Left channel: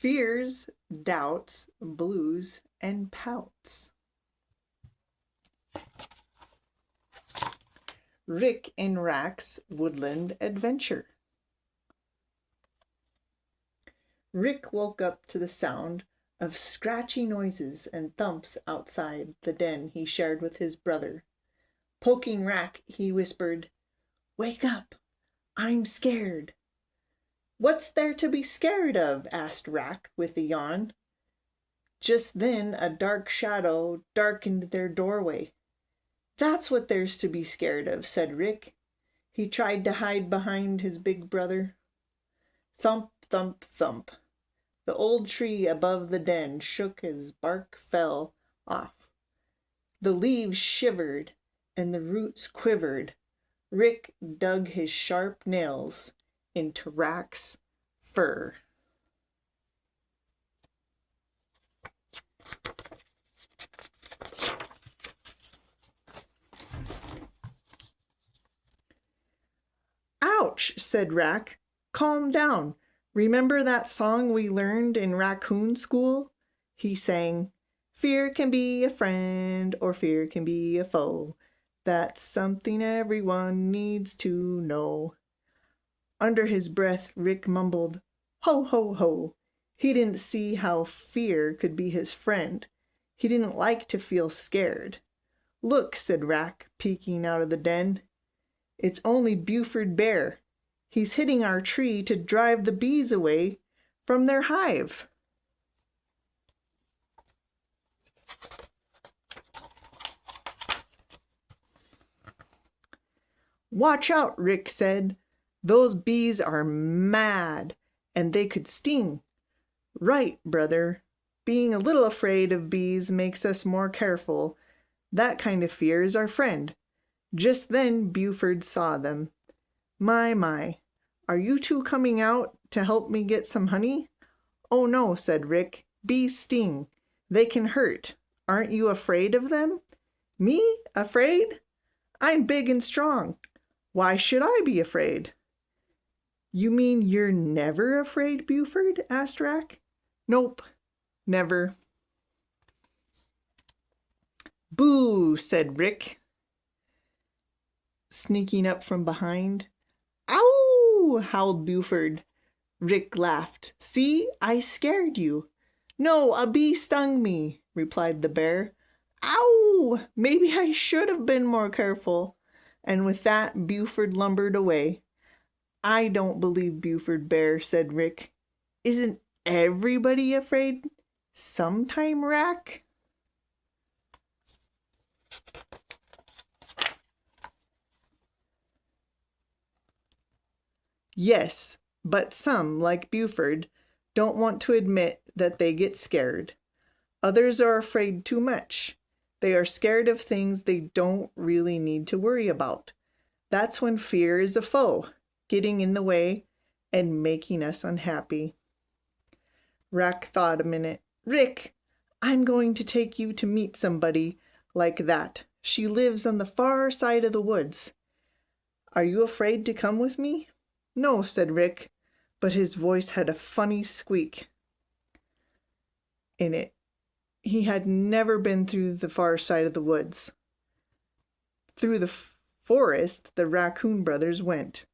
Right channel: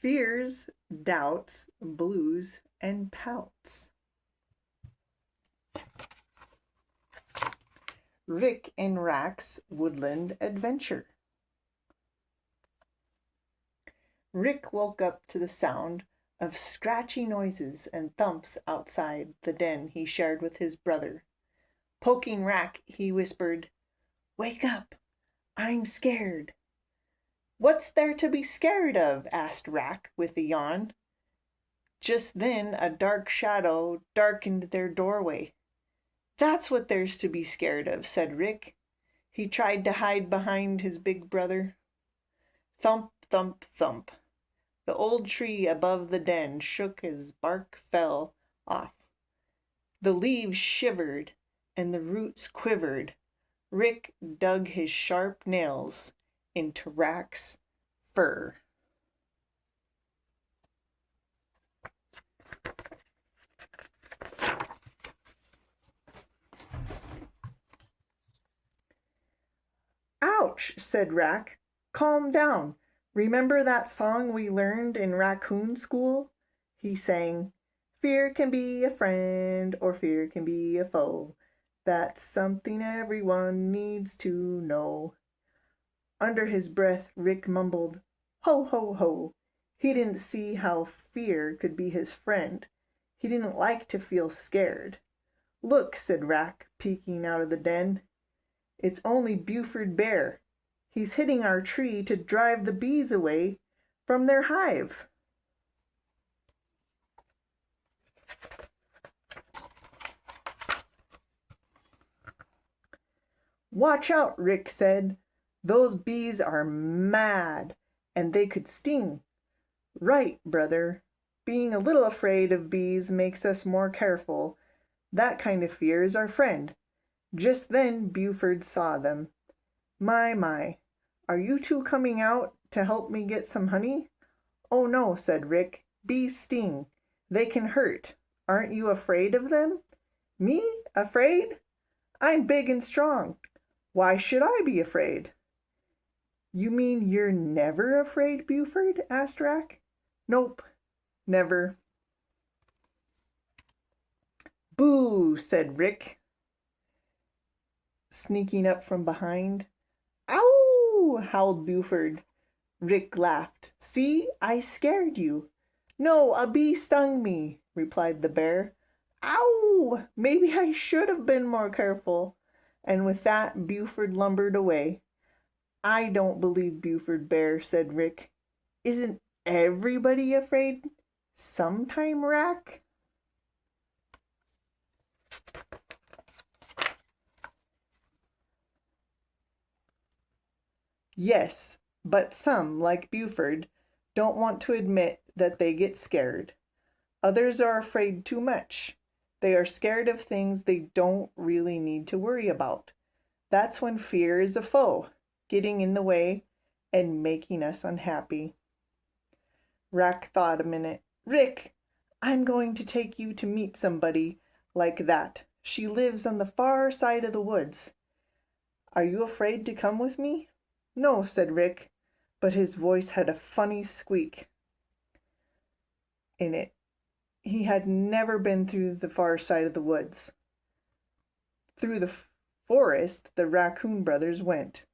Fears, doubts, blues, and pouts. Rick and Rack's Woodland Adventure. Rick woke up to the sound of scratchy noises and thumps outside the den he shared with his brother. Poking Rack, he whispered, "Wake up! I'm scared." "What's there to be scared of?" asked Rack with a yawn. Just then a dark shadow darkened their doorway. "That's what there's to be scared of," said Rick. He tried to hide behind his big brother. Thump, thump, thump. The old tree above the den shook as bark fell off. The leaves shivered and the roots quivered. Rick dug his sharp nails into Rack's fur. "Ouch," said Rack. "Calm down. Remember that song we learned in raccoon school?" He sang, "Fear can be a friend or fear can be a foe. That's something everyone needs to know." Under his breath, Rick mumbled, "Ho, ho, ho." He didn't see how fear could be his friend. He didn't like to feel scared. "Look," said Rack, peeking out of the den. "It's only Buford Bear. He's hitting our tree to drive the bees away from their hive." "Watch out," Rick said. "Those bees are mad, and they could sting." "Right, brother. Being a little afraid of bees makes us more careful. That kind of fear is our friend." Just then Buford saw them. My, are you two coming out to help me get some honey?" "Oh no," said Rick. "Bees sting. They can hurt. Aren't you afraid of them?" "Me? Afraid? I'm big and strong. Why should I be afraid?" "You mean you're never afraid, Buford?" asked Rack. "Nope, never." "Boo," said Rick, sneaking up from behind. "Ow!" howled Buford. Rick laughed. "See, I scared you." "No, a bee stung me," replied the bear. "Ow! Maybe I should have been more careful." And with that, Buford lumbered away. "I don't believe Buford Bear," said Rick. "Isn't everybody afraid sometime, Rack?" "Yes, but some, like Buford, don't want to admit that they get scared. Others are afraid too much. They are scared of things they don't really need to worry about. That's when fear is a foe, getting in the way and making us unhappy." Rack thought a minute. "Rick, I'm going to take you to meet somebody like that. She lives on the far side of the woods. Are you afraid to come with me?" "No," said Rick, but his voice had a funny squeak in it. He had never been through the far side of the woods. Through the forest the raccoon brothers went.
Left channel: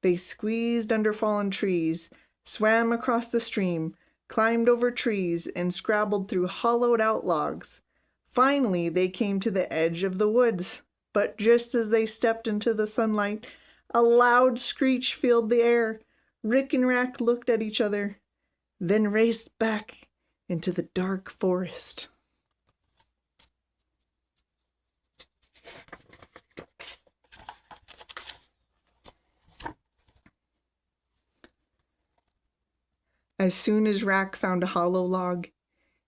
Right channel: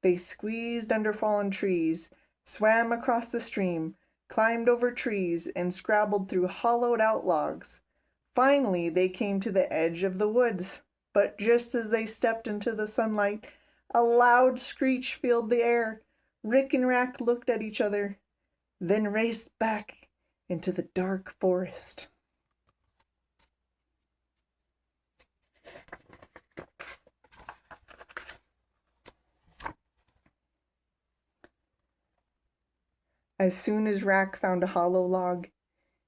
They squeezed under fallen trees, swam across the stream, climbed over trees, and scrabbled through hollowed-out logs. Finally, they came to the edge of the woods, but just as they stepped into the sunlight, a loud screech filled the air. Rick and Rack looked at each other, then raced back into the dark forest. As soon as Rack found a hollow log,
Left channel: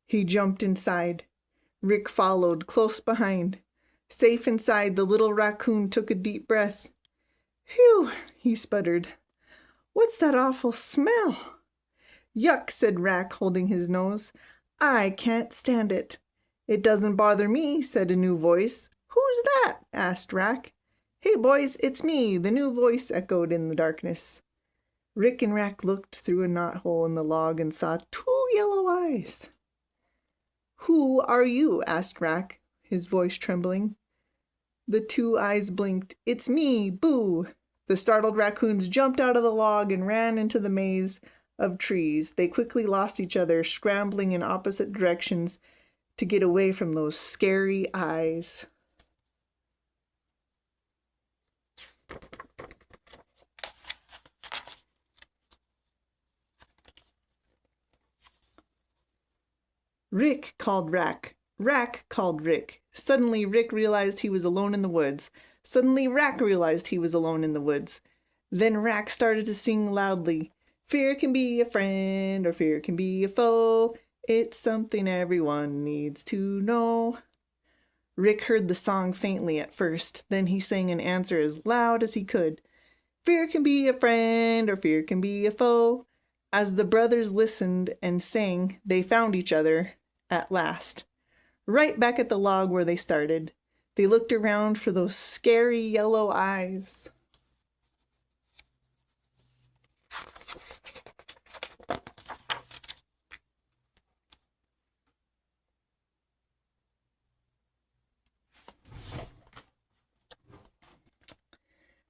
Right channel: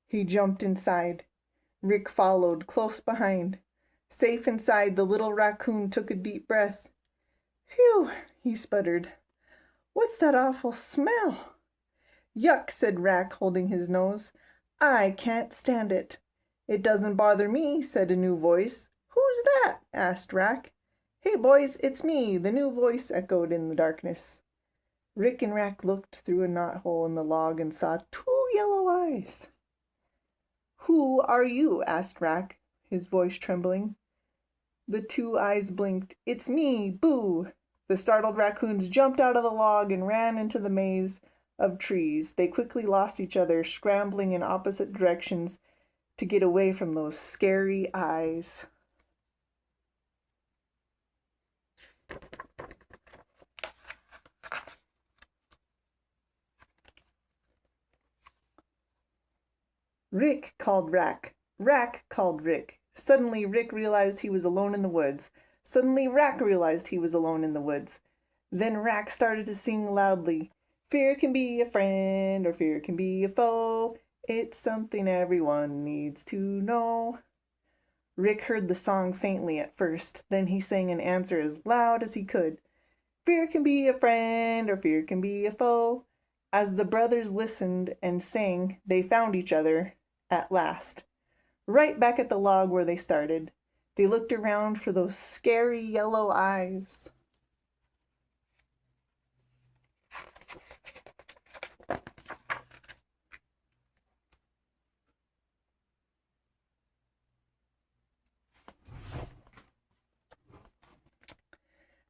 he jumped inside. Rick followed close behind. Safe inside, the little raccoon took a deep breath. "Phew," he sputtered. "What's that awful smell?" "Yuck," said Rack, holding his nose. "I can't stand it." "It doesn't bother me," said a new voice. "Who's that?" asked Rack. "Hey, boys, it's me," the new voice echoed in the darkness. Rick and Rack looked through a knothole in the log and saw two yellow eyes. Who are you? Asked Rack, his voice trembling. The two eyes blinked. It's me, Boo! The startled raccoons jumped out of the log and ran into the maze of trees. They quickly lost each other, scrambling in opposite directions to get away from those scary eyes. Rick called Rack. Rack called Rick. Suddenly, Rick realized he was alone in the woods. Suddenly, Rack realized he was alone in the woods. Then Rack started to sing loudly. Fear can be a friend or fear can be a foe. It's something everyone needs to know. Rick heard the song faintly at first. Then he sang an answer as loud as he could. Fear can be a friend or fear can be a foe. As the brothers listened and sang, they found each other at last, right back at the log where they started. They looked around for those scary yellow eyes.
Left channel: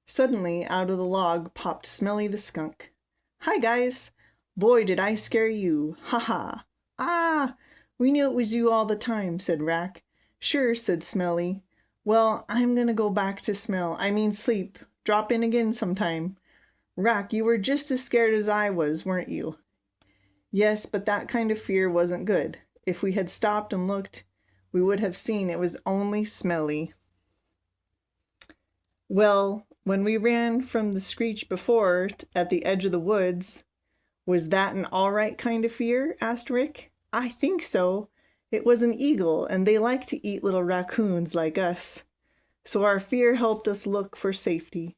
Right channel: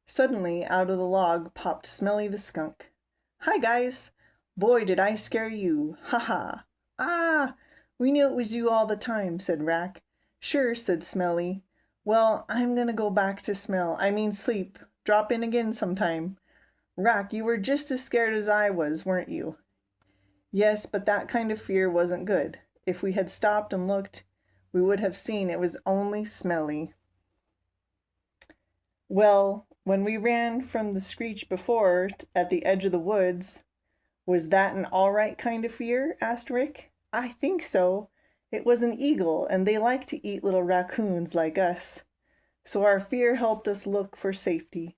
Suddenly, out of the log popped Smelly the skunk. Hi, guys. Boy, did I scare you. Ha ha. Ah, we knew it was you all the time, said Rack. Sure, said Smelly. Well, I'm gonna go back to sleep. Drop in again sometime. Rack, you were just as scared as I was, weren't you? Yes, but that kind of fear wasn't good. If we had stopped and looked, we would have seen it was only Smelly. Well, when we ran from the screech before at the edge of the woods, was that an all right kind of fear? Asked Rick. I think so. It was an eagle, and they like to eat little raccoons like us. So our fear helped us look for safety.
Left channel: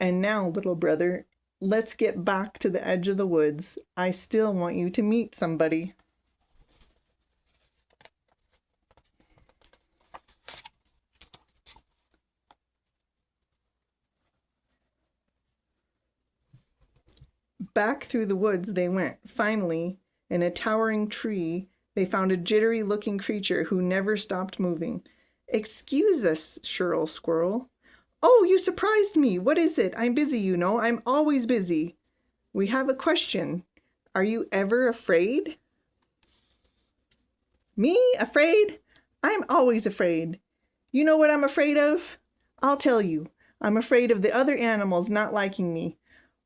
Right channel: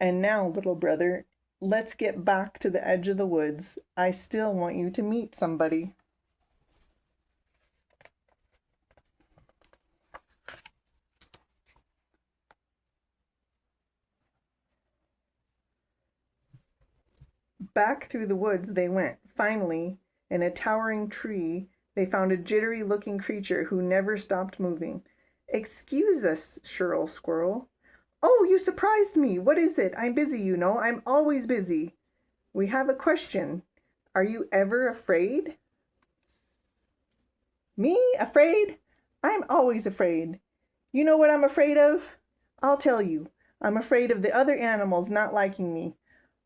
And now, little brother, let's get back to the edge of the woods. I still want you to meet somebody. Back through the woods they went. Finally, in a towering tree, they found a jittery-looking creature who never stopped moving. Excuse us, Shirl Squirrel. Oh, you surprised me. What is it? I'm busy, you know. I'm always busy. We have a question. Are you ever afraid? Me? Afraid? I'm always afraid. You know what I'm afraid of? I'll tell you. I'm afraid of the other animals not liking me.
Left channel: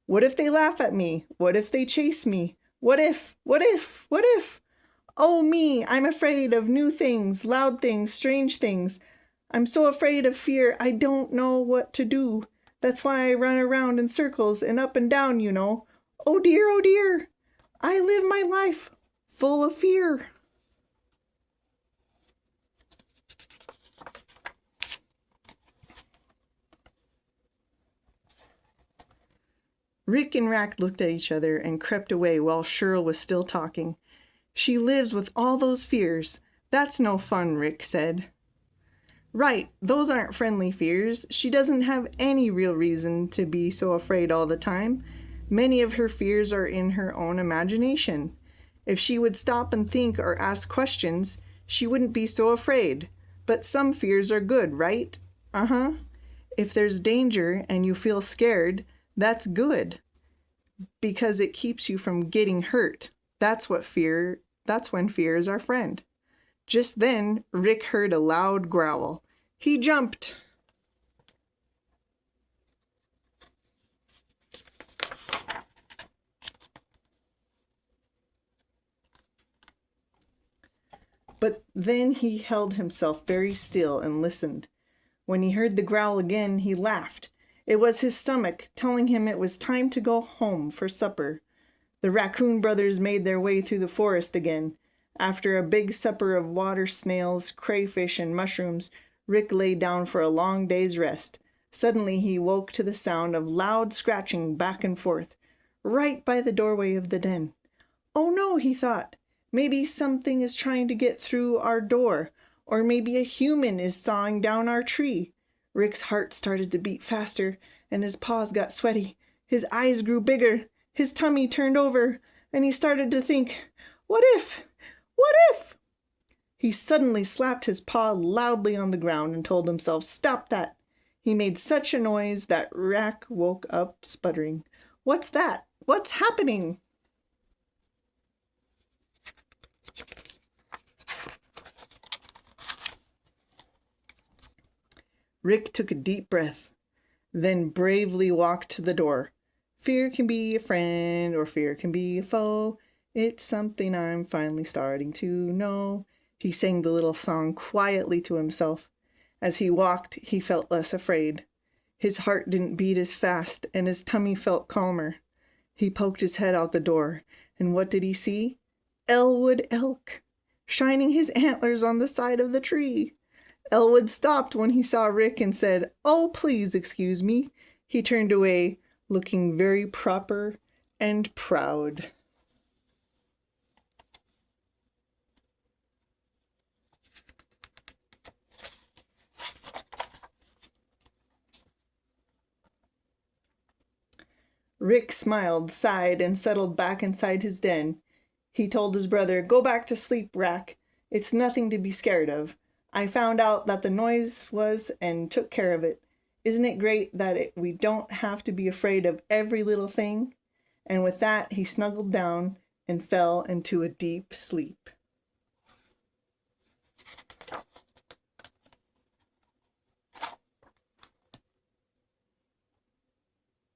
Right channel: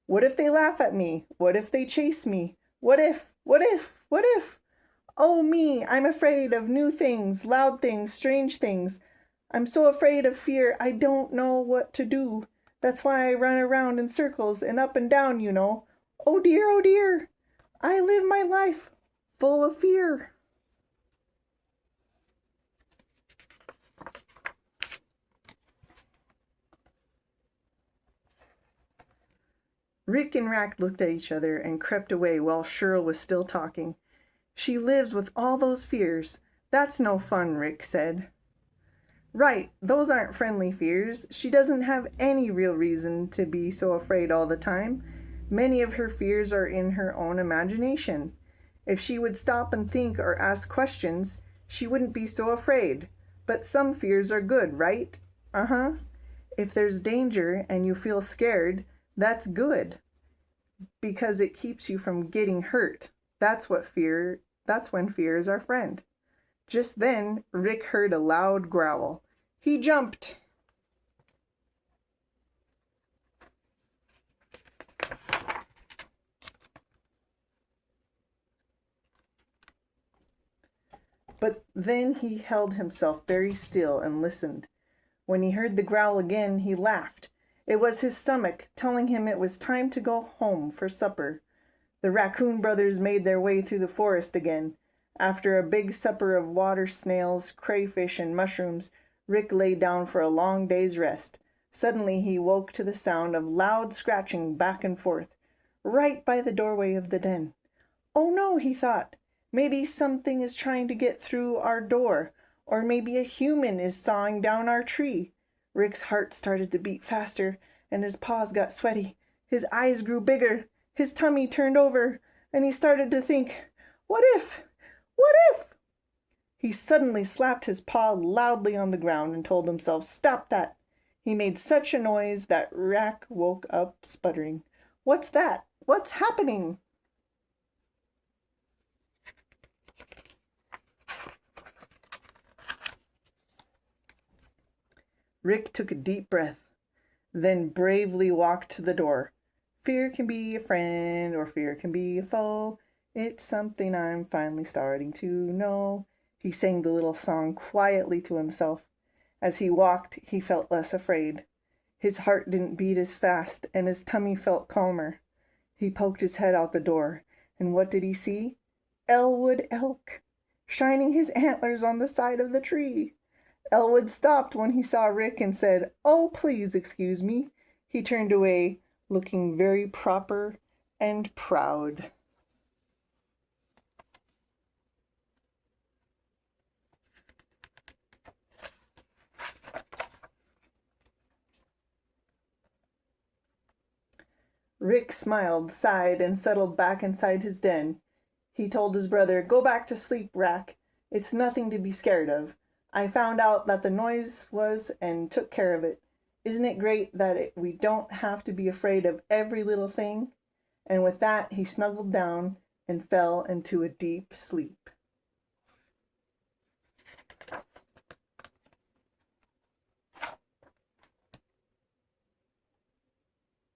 What if they laugh at me? What if they chase me? What if? Oh, me, I'm afraid of new things, loud things, strange things. I'm so afraid of fear, I don't know what to do. That's why I run around in circles and up and down, you know. Oh dear, I live my life full of fear. Rick and Rack looked at each other and crept away while Shirl was still talking. She lives with all those fears. That's no fun, Rick said. Right, those aren't friendly fears. She doesn't have any real reason to be so afraid all the time. Many of her fears are in her own imagination. If she would stop and think or ask questions, she wouldn't be so afraid. But some fears are good, right? Uh-huh. If there's danger and you feel scared, that's good, because it keeps you from getting hurt. That's when fear is our friend. Just then, Rick heard a loud growl. He jumped. But then he held himself very still and listened. When he heard the growl again, he laughed. It was his stomach telling him it was time to go home for supper. The raccoon brothers made their way through the forest again. After a big supper of water snails, crayfish, and mushrooms, Rick lay down for a long day's rest. Suddenly he woke to the sound of loud scratching back and forth, right by the doorway of the den. Oh no, he thought. Maybe something is trying to get through our door, or maybe a human is sawing down our tree. Rick's heart started to beat faster, and his paws got sweaty. His eyes grew bigger. His tummy turned over, and he started to think, What if? What if? He suddenly slapped his paw loudly on the ground and told himself, "Stop that!" He made such a noise that Rack woke up sputtering. "What's that? What's happening?" Rick took a deep breath, then bravely walked to the door. "Fear can be a friend or fear can be a foe. It's something I'm finally starting to know." He sang the little song quietly to himself. As he walked, he felt less afraid. His heart didn't beat as fast, and his tummy felt calmer. He poked his head out the door, and what did he see? Elwood Elk, shining his antlers on the side of the tree. Elwood stopped when he saw Rick and said, "Oh, please excuse me." He turned away, looking very proper and proud. Rick smiled, sighed, and settled back inside his den. He told his brother, "Go back to sleep, Rack. It's nothing to be scared of. I found out that the noise was and took care of it. Isn't it great that we don't have to be afraid of every little thing?" And with that, he snuggled down and fell into a deep sleep.